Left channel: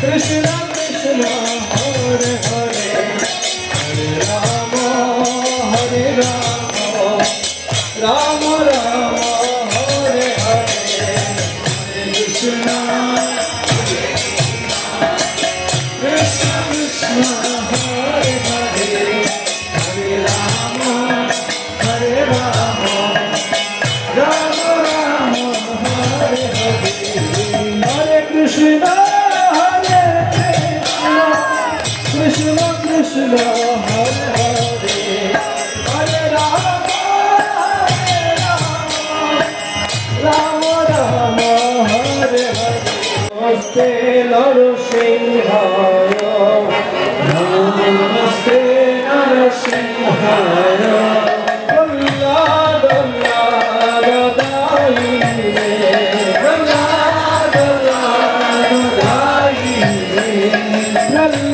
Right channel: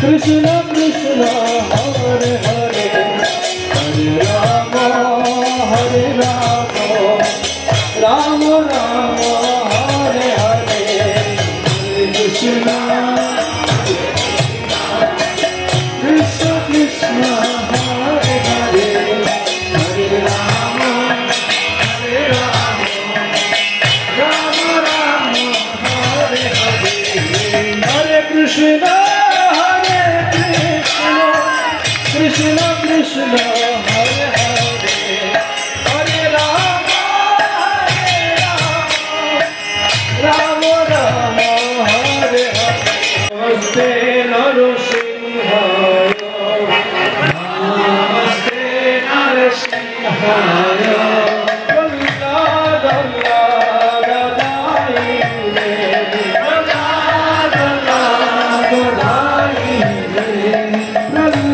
Krishna Krishna Hare Hare Hare Rama Hare Rama Rama Rama Hare Hare Hare Krishna Krishna Krishna Hare Hare Hare Rama Hare Rama Rama Rama Hare Hare Hare Krishna Krishna Krishna Hare Hare Hare Rama Rama Rama Hare Hare Namaste Narasimhaya Namaste Narasimhaya Dalla Dalla Radai Dalla Dalla Radai Dalla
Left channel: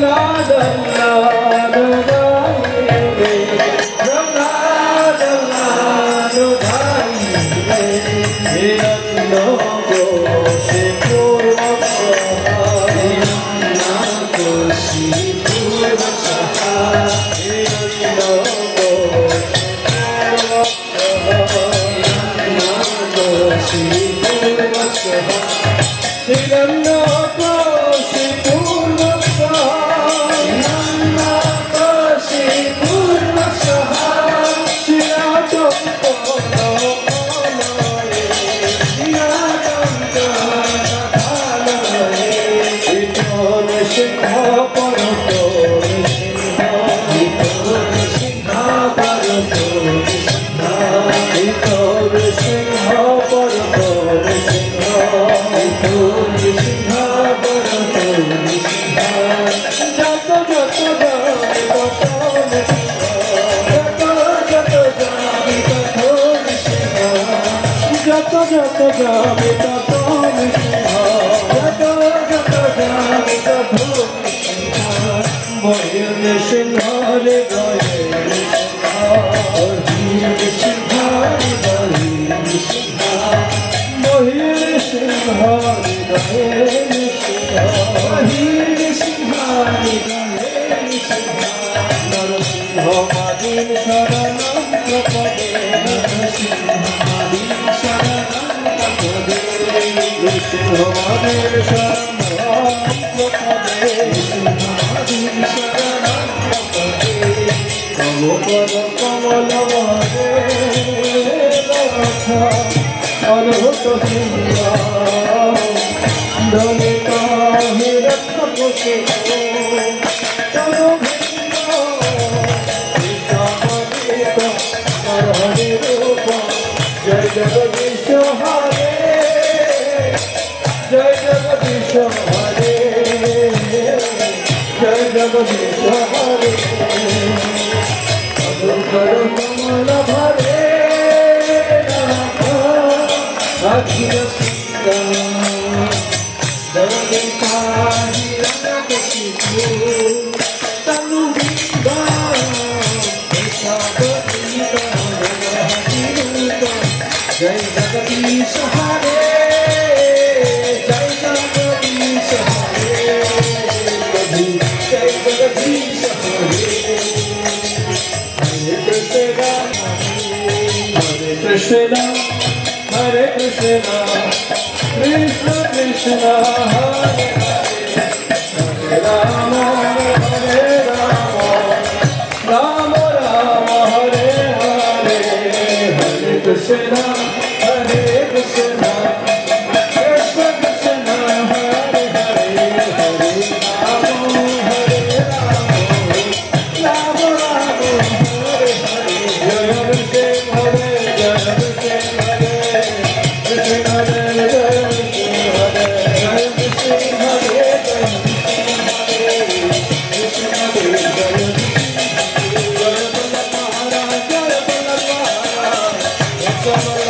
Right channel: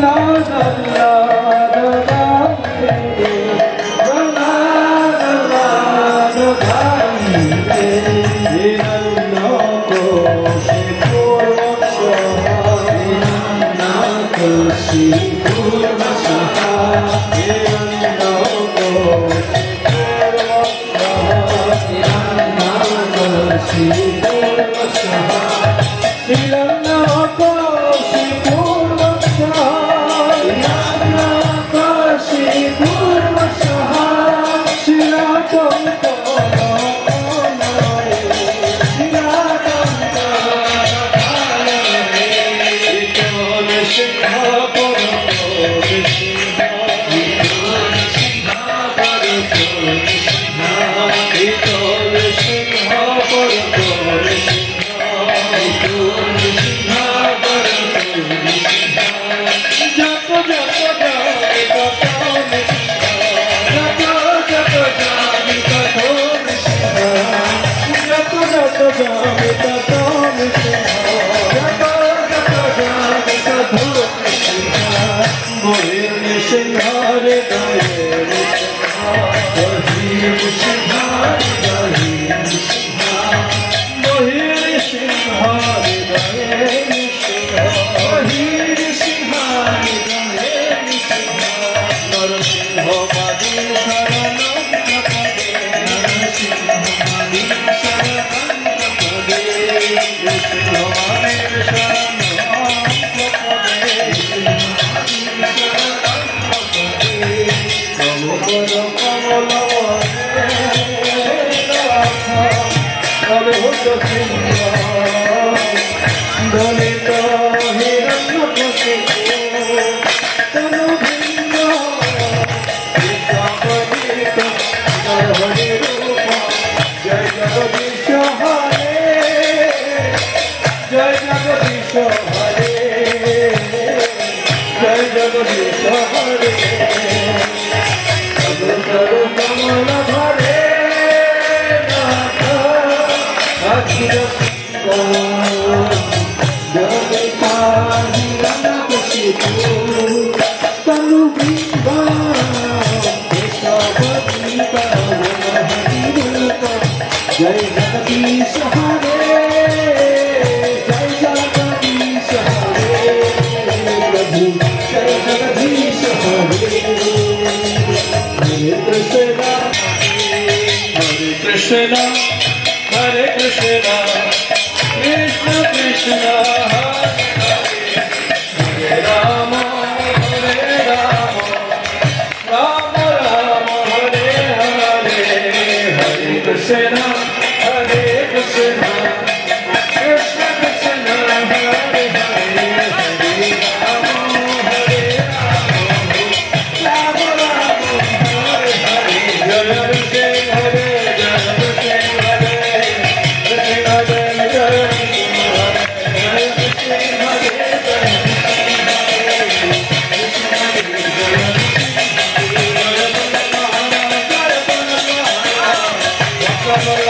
Come on.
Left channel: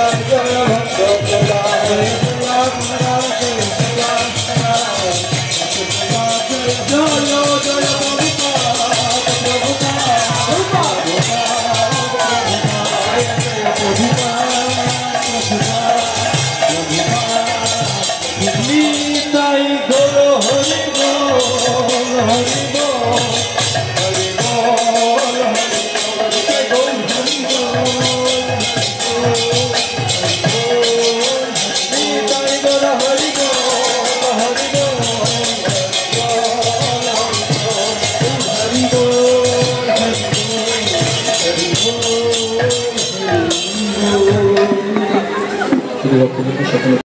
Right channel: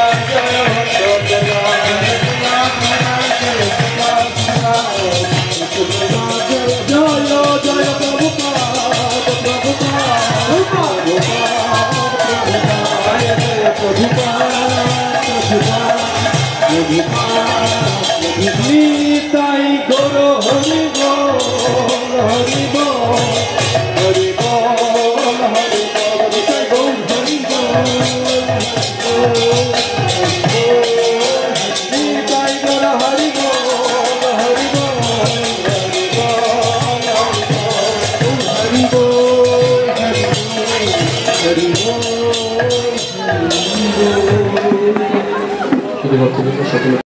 Nitai Gour Hari ball Hari ball Hari ball Hari ball Nitai Gour Hari ball Nitai Gour Hari ball Hari ball Hari ball Hari ball Hari ball.